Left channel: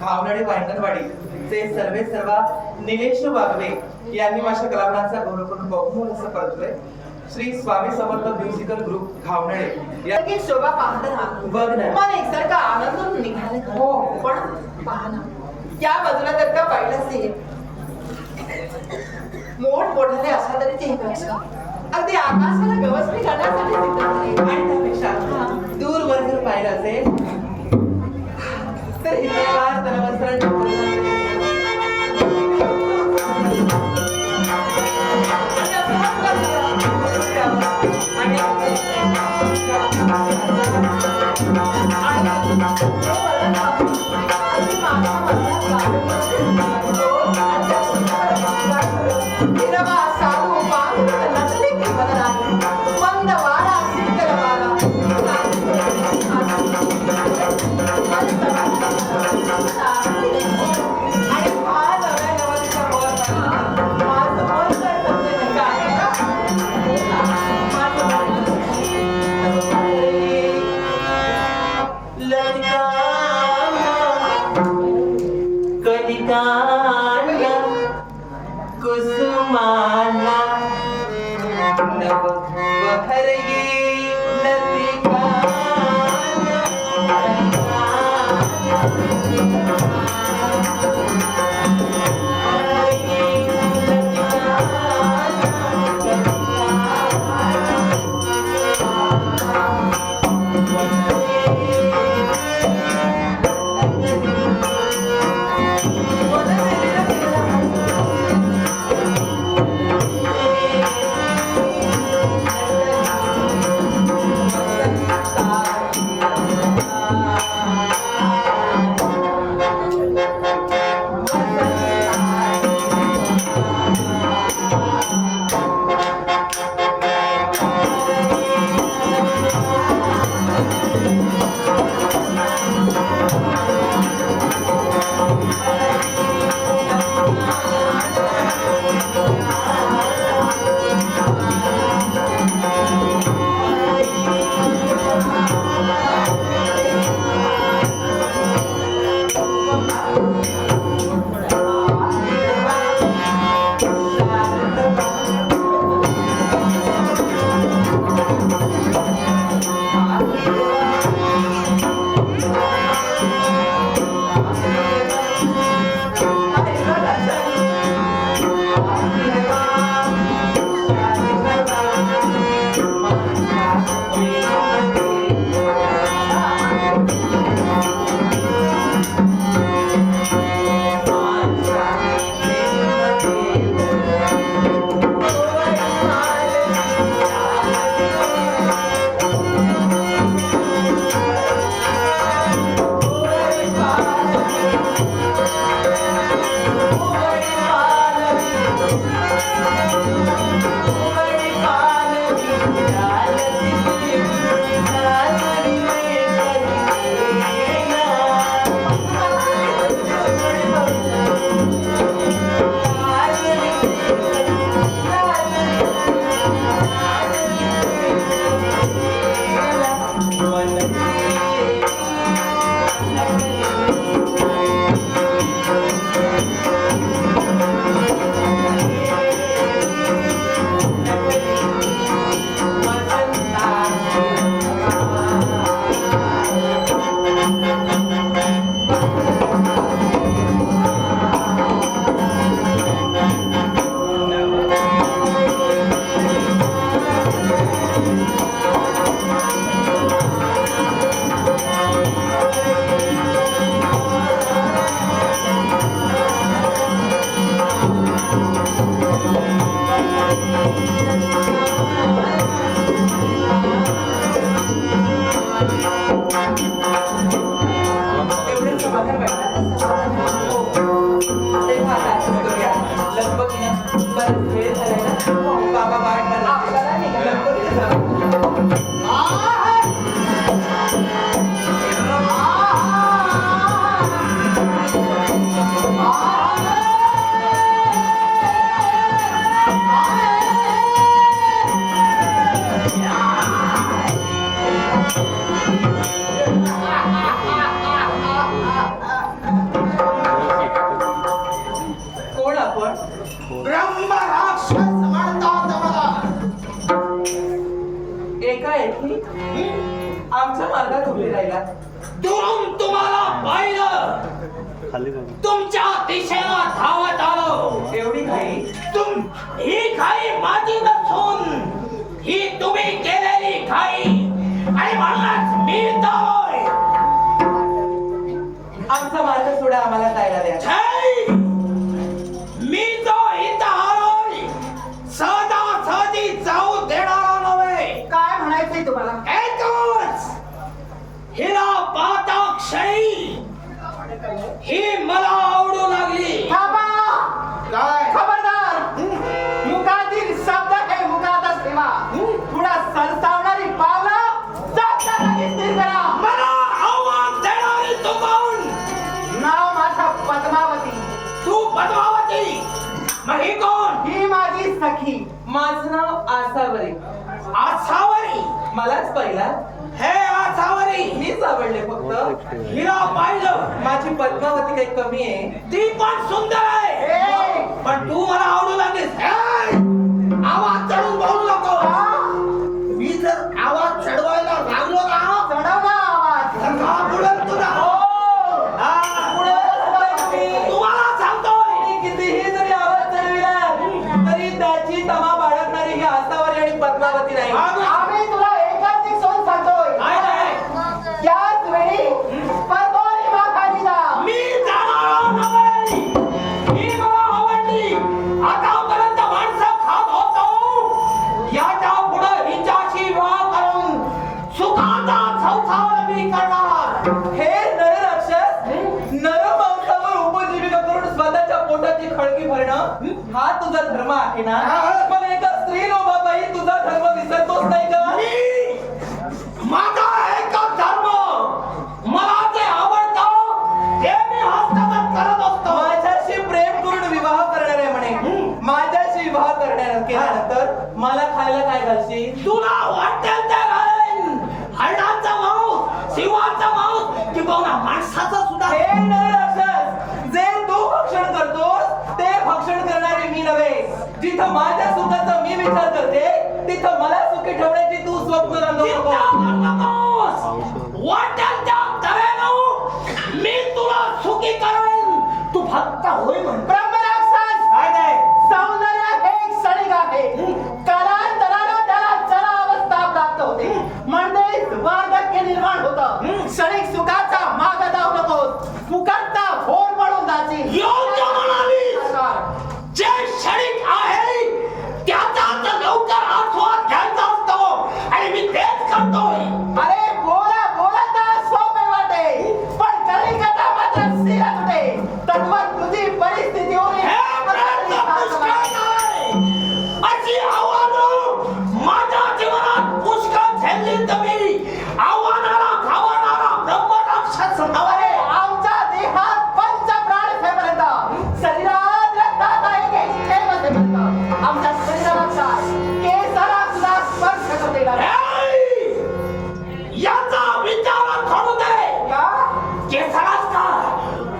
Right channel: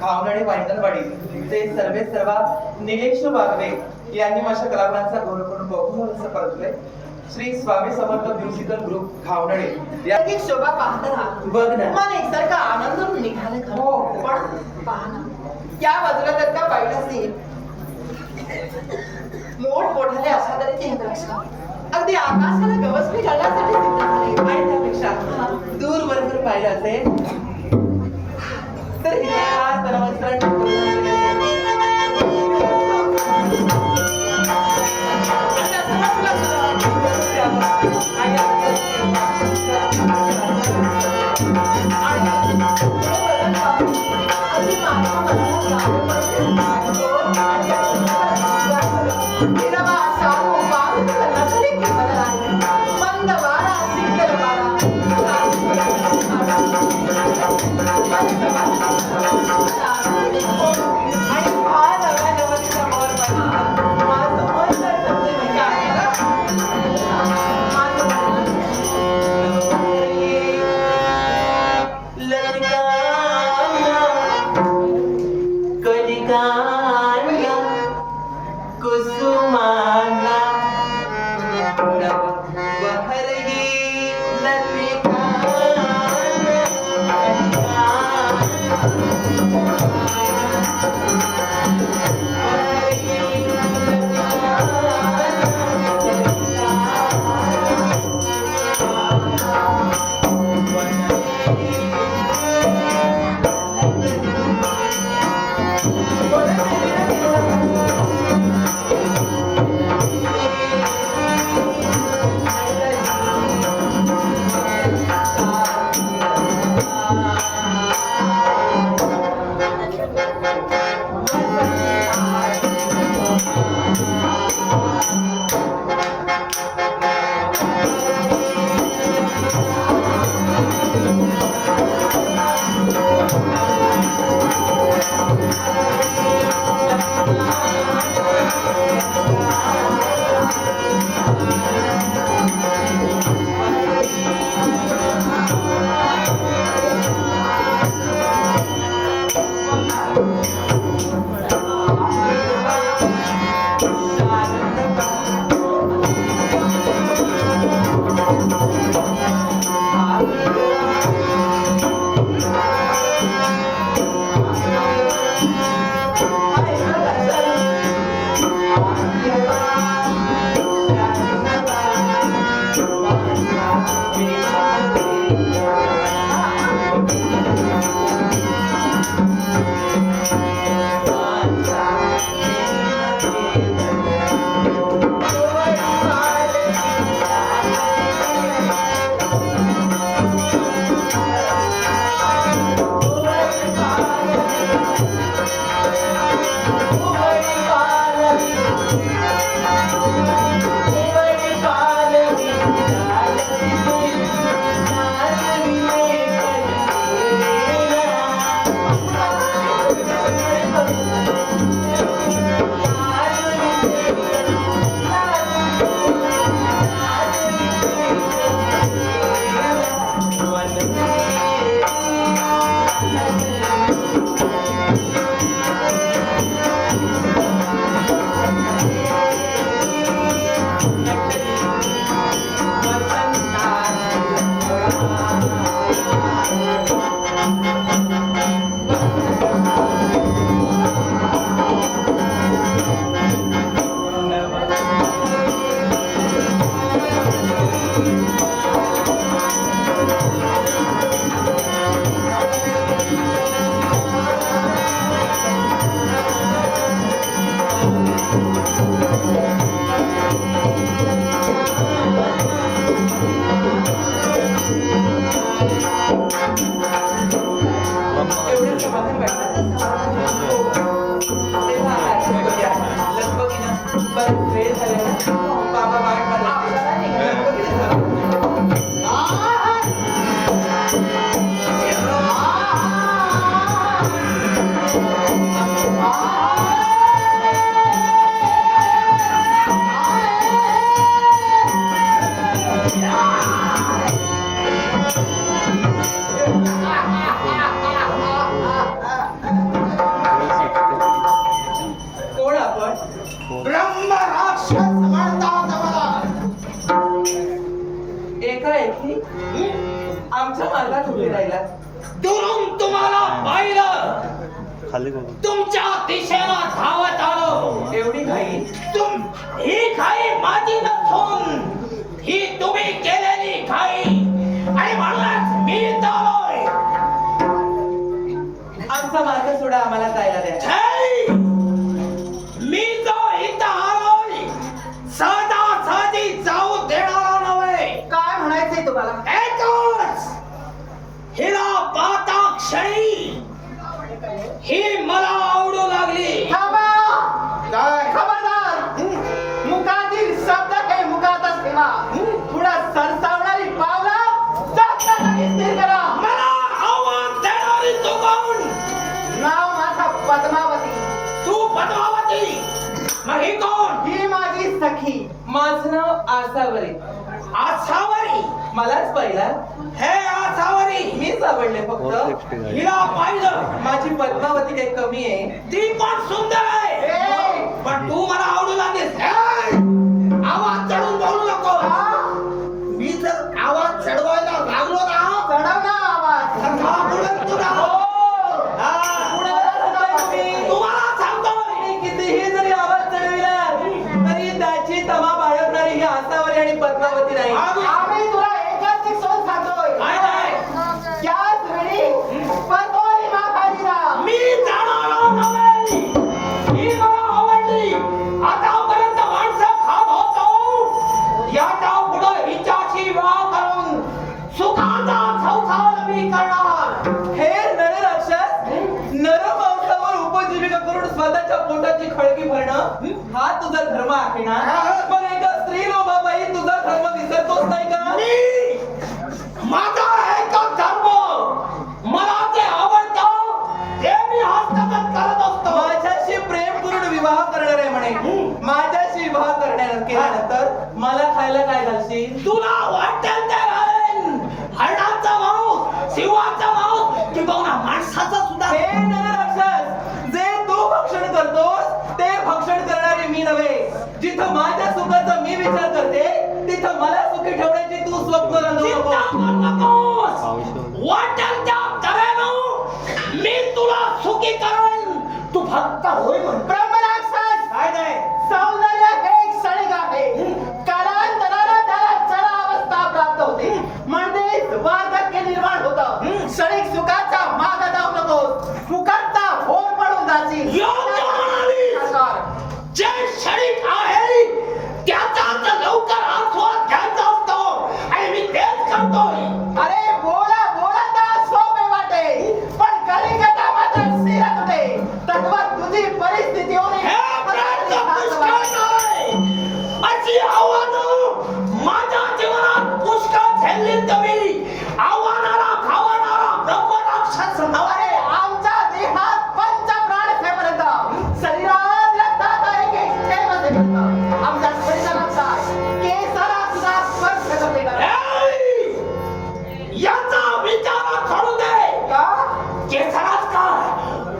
भावनडी भांडणवाडी चे सर्वे सर्वा निलेश बागवे यांनी माझ्या कलागुणांचा गौरव करून बहुमोल असं परतलंय. श्री स्वामी समर्थ म्युझिकल ग्रुप घावनडे याची शोभा पाहताना बघ ना मन एकसारखा आनंद निघाला खरं. हो. पण पहा ना त्या बाजूला जर का पाहिलं असेल मोठमोठाले अशा तऱ्हेचे हे वृक्ष अगदी आकाशाला गवसणी घालण्यासाठी सिद्ध झाले. आणि त्यापेक्षा दूरवर जर पाहिलं असेल तर हिरवेगार तनवस्त्रांचे परिधान केलेले कोण आपण? ब्रह्म राक्षस म्हणतात मला. एकाएकी आमच्या मार्गात उभे राहिला. दुरून तुम्हाला पाहिलं, खाली बघा. तुमच्या दिशेला धावत आलो. एवढी घाई? ही घाई माझी नसून ही तुम्ही केलेली घाई, आणि म्हणूनच मी इथं आलोय. आमचा मार्ग सोडा, आम्हाला जायला द्या. छे! मी जो इथं आलोय सदा साधी जाऊ देणारा नव्हे. काय म्हणायचंय तुम्हाला? एकच हिला पाहता क्षणी ही मला आवडू लागली. थांबा! काय? खबरदार! मुखातील शब्द हे मुखातच ठेवा. पुढं सरसावणारी पावलं जाता लगेच स्थिर करा. मला आव्हान देणारी तू कोण? नाव माझं पद्मावती. तू पद्मावती? मग ही कोण? ही माझी सखी. माझं नाव आसावरी. आसावरी? मलाच पहिला हे आसावरी मीच आवडले फक्त. हिला पाहिलं, माझी पद्मावती काही कमी आहे? ती पण सुंदर आहे. ए! पण तू मला आवडू लागलीस. हे! आवाज चढून बोलू नको. मी जर आवाज चढवायला लागलो ना, चढव ना आवाज. तर का बुडेल तुला? हा, तुम्हाला सांगतोय. मी कितीही जरी आवाज चढविला तरी त्याची तमा बाळगणारी ही आसावरी आणि पद्मावती नाही. आम्ही तुला एकच एक सोन सांगतोय. काय नाही? त्याच वेळी परतोय माखालीला. मी जाणार नाही. ही मला आवडली. आतापर्यंत माणसं खात होतो, याच्या पुढे हिच्याशी विवाह करून सुखाचा संसार मी करणार. हे नरराक्षस नरमांसावर उपजीविका करून स्वतःच्या पोटाची खळगी भरणं हा तुझा धर्म आहे ना? मग एका स्त्री लोभाबाई तुझा धर्म विसरतोच नाही का? माझा एकच धर्म, मला जे आवडतं ते मी हस्तगत करत असतो. माझ्याशी प्रेम करून विवाह करणार आहे म्हणे. माझ्याशी विवाह केल्यानंतर मला खायला काय घालशील? तुला वाटेल ते राहीन. हरणाचा मांस, सिंहाचा मांस किंवा माणसाचा सुद्धा. हे नरराक्षस, जे तू भक्षण करतोस ते भक्षण करणारी मी नव्हे. जिथं माझ्या सुखाचा मी विचार करते तिथं मला सुखी ठेवण्याची तू स्वप्न रंगवू चिंता नको. करू नकोस. वाटेल त्या तऱ्हेनं मी तुला सुखी करेन. तू फक्त होय म्हण. ब्रह्मराक्षस! काय नाही? सौंदर्य हे एक क्षणिक आहे. कालांतरानं त्याला चला अवस्था प्राप्त होते. म्हणजेच वार्धक्य निर्माण होतं. क्षणिक सुखाचा माग जाऊ नकोस. फुकटचा भोर पडून जाशील. योग्य म्हणालीस. जे क्षणिक आहे त्याचा तर लवकर आस्वाद घ्यायचा असतो, आणि मी तेच करतोय. अरे बोला बोला तर सोपे वाटे, पण कलिंगटा मात्र स्थिरच होते. तद्वत तुझी परिस्थिती होणे हे प्रयत्न पुष्कळ नाही. अशी आव्हानं माझ्या जीवनात पुष्कळ झेलली. तुम्ही आव्हानाला खावणारा ब्रह्मराक्षस नव्हे. अरे आमच्या देहात पंच प्राण ठेपर्यंत, शरीरात रक्तात एक एक थेंब ठेपर्यंत, आमच्या शरीराचा केसाला सुद्धा स्पर्श करते का? हे! याचा विचार करू दे. का? केसराच का?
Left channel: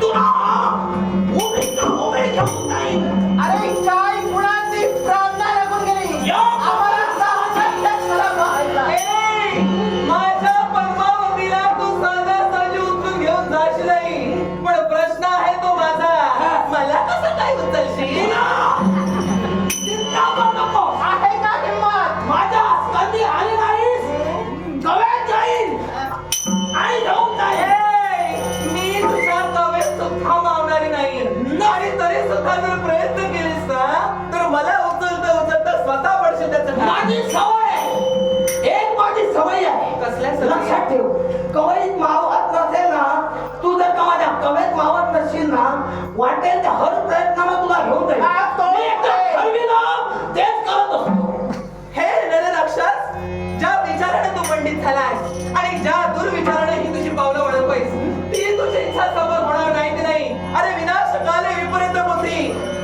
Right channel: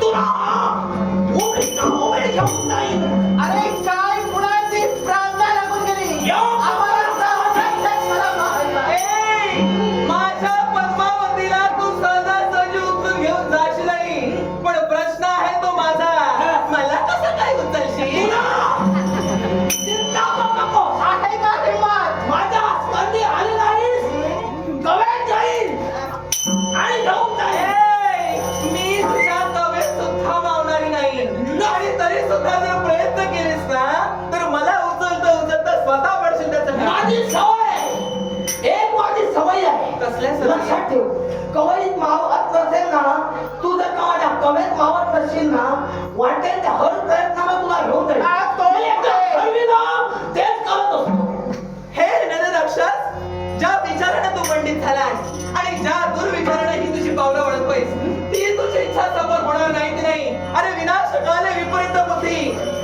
तुला उभे घेऊन जाईल. अरे काय कुणाची प्रार्थना लागून गेली? आम्हाला सावधान क्षणाला माहिती. ए, माझ्या पद्मावतीला तू सहजासहजी उचलून घेऊन जाशील नाही. पण प्रश्न आहे तो माझा, मला कसं काय उचलशील? चिंता करू नको. आहे का हिंमत? माझ्या स्कंदी आली नाहीस, गवेत जाईल आणि घेऊन जाईल. ए, मी तुझ्या कवेत सुद्धा मावणारी नाही. आणि तरी सुद्धा जर प्रयत्न केलीस ना तर मला उचलता स्वतः पडशील त्याचं. माझी सवय आहे. एक माझी सवय आहे. कसल्या सवयी? लक्षात ठेव. कवयीत मावत नसेल ना, तू जर का माझ्या कवेत मावत नसशील ना, वाटेल त्या हर प्रयत्नाला तुला घेऊन जाईल. हा, तो मी एकदा ठरविलं तेच करत असतो. हे नरराक्षस, ज्या विचाराने तू पंडित झालास आणि ज्या दुर्विचाराने ही तुझी पावलं वळतोयस ती तुझी इच्छा सफल होणार नाही की नाही? अरे विनाशकाले विपरीत बुद्धी.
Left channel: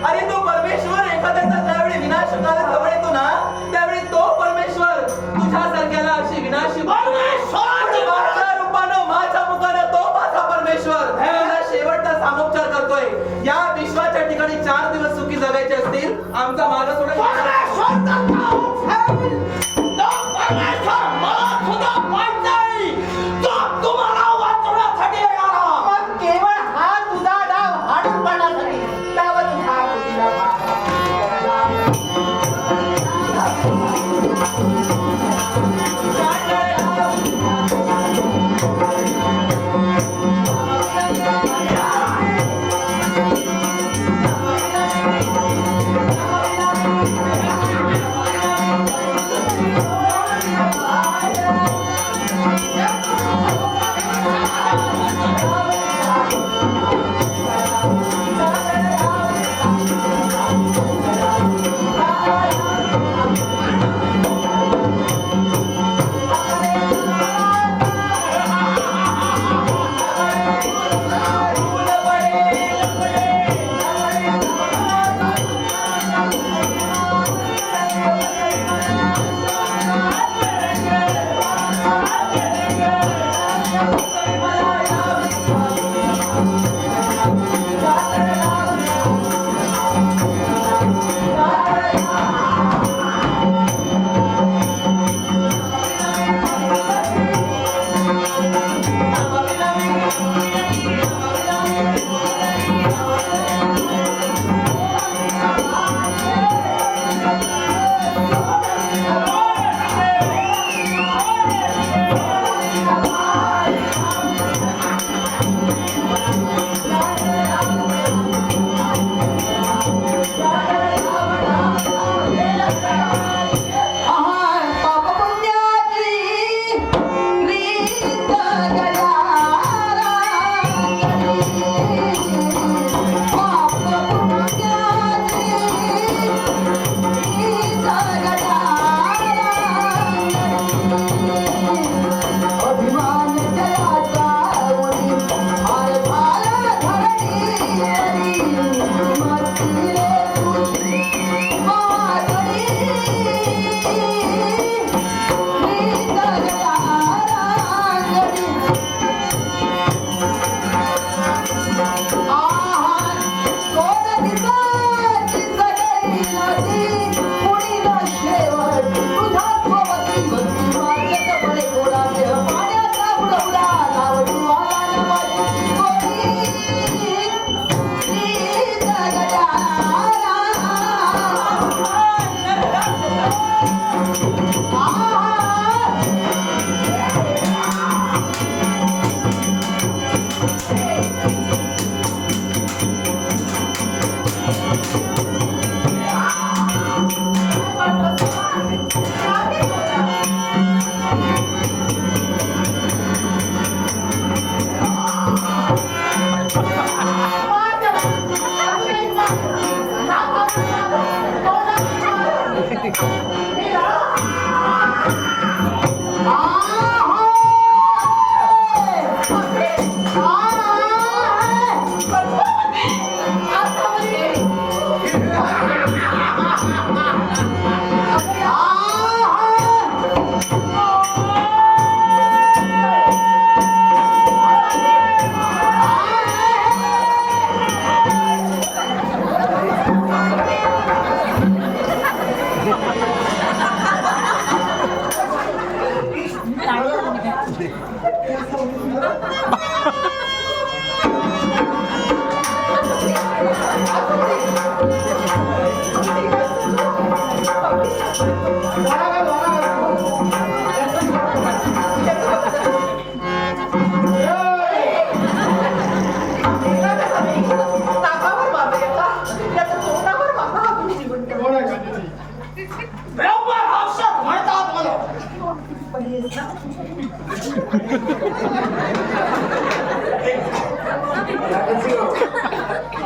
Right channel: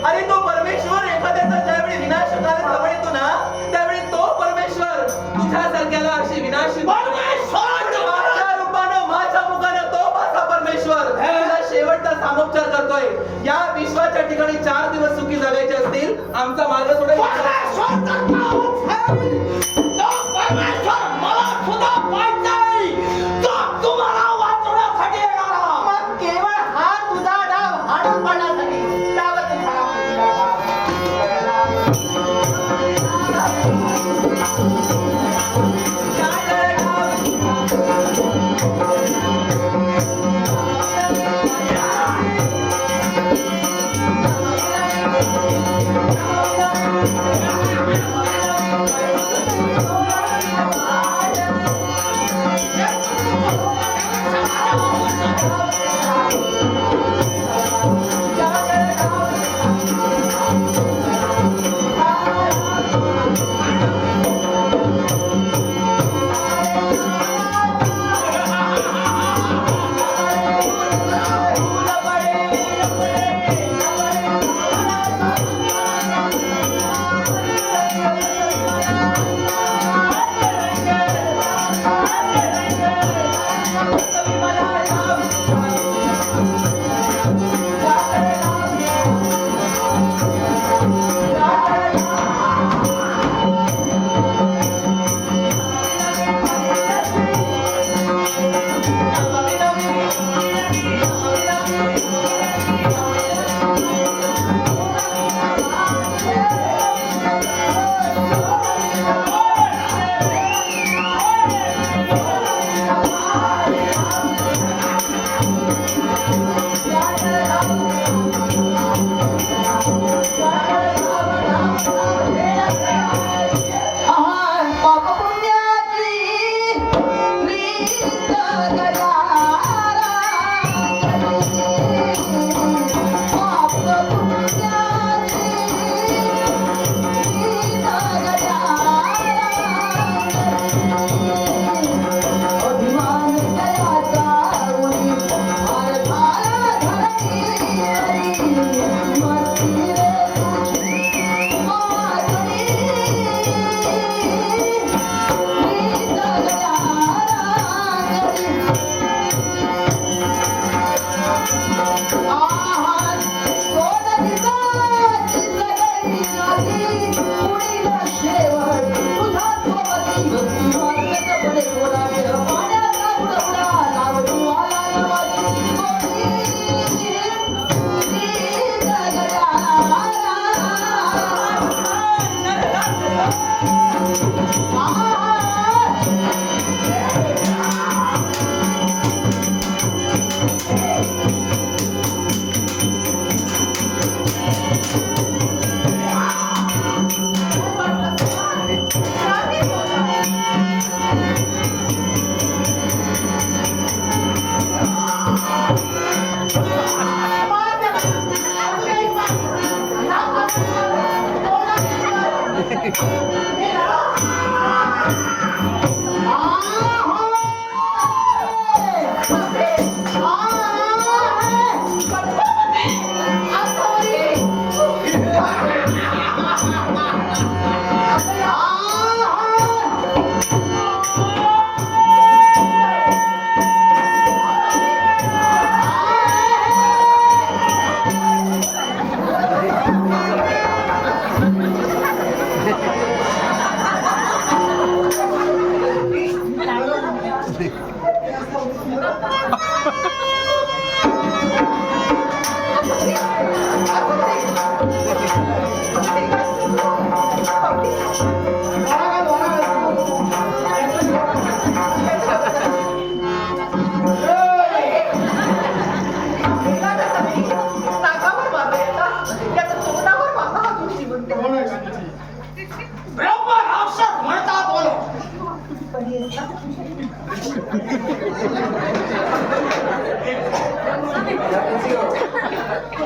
अरे तो परमेश्वर एखाद्याचा ज्यावेळी विनाशकाले जवळ येतो ना त्यावेळी तो परमेश्वर तुझ्यासारख्याला अशी विनाशी माझ्या रूपानं माझ्या मुखानं तो माझा परमेश्वर तुला शेवटचा सामोपचार करतोय. या विश्वाच्या ठिकाणी 4 दिवस सुखी जगायचे असतील आमचा मार्ग सोडून मला सुद्धा पाहिजे तो तुम्हाला वाचवण्यासाठी येणारा. मग केवळ हा तुझा डाव हाणून पाडण्यासाठी त्यावर तुझा कृतीला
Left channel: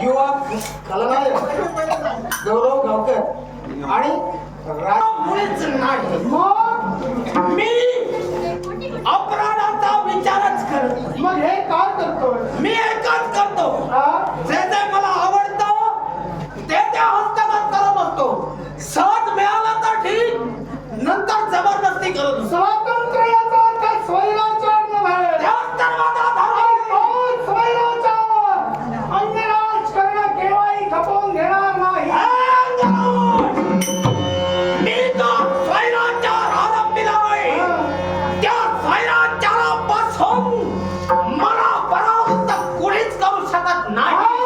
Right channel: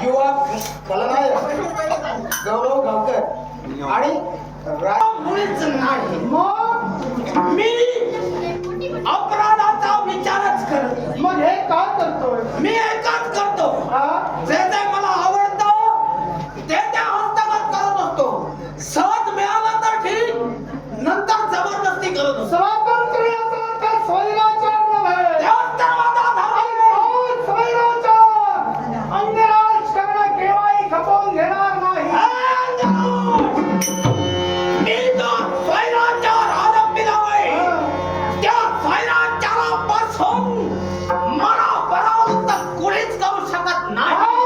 युवा खलनायक गौरव गावकर आणि मुळीच नाही. मग मी अपराधाचा विचारच करत. मग हे का करतोय? मी एकच करतो, जे जे मला आवडतं ते हस्तगत करत असतो. सहज मिळालं तर ठीक, नंतर जबरदस्ती करू स्वातंत्र्याचा त्या स्वैराचार नव्हे, तेव्हाच तर माझा धर्म आहे. तोच स्वैराचार अन्य राजकारण केव्हाही खपवून घेणार नाही. मी जो स्वैराचार आरंभिलाय त्या स्वैराचारापासून मला परावृत्त कोणीच करू शकत नाही.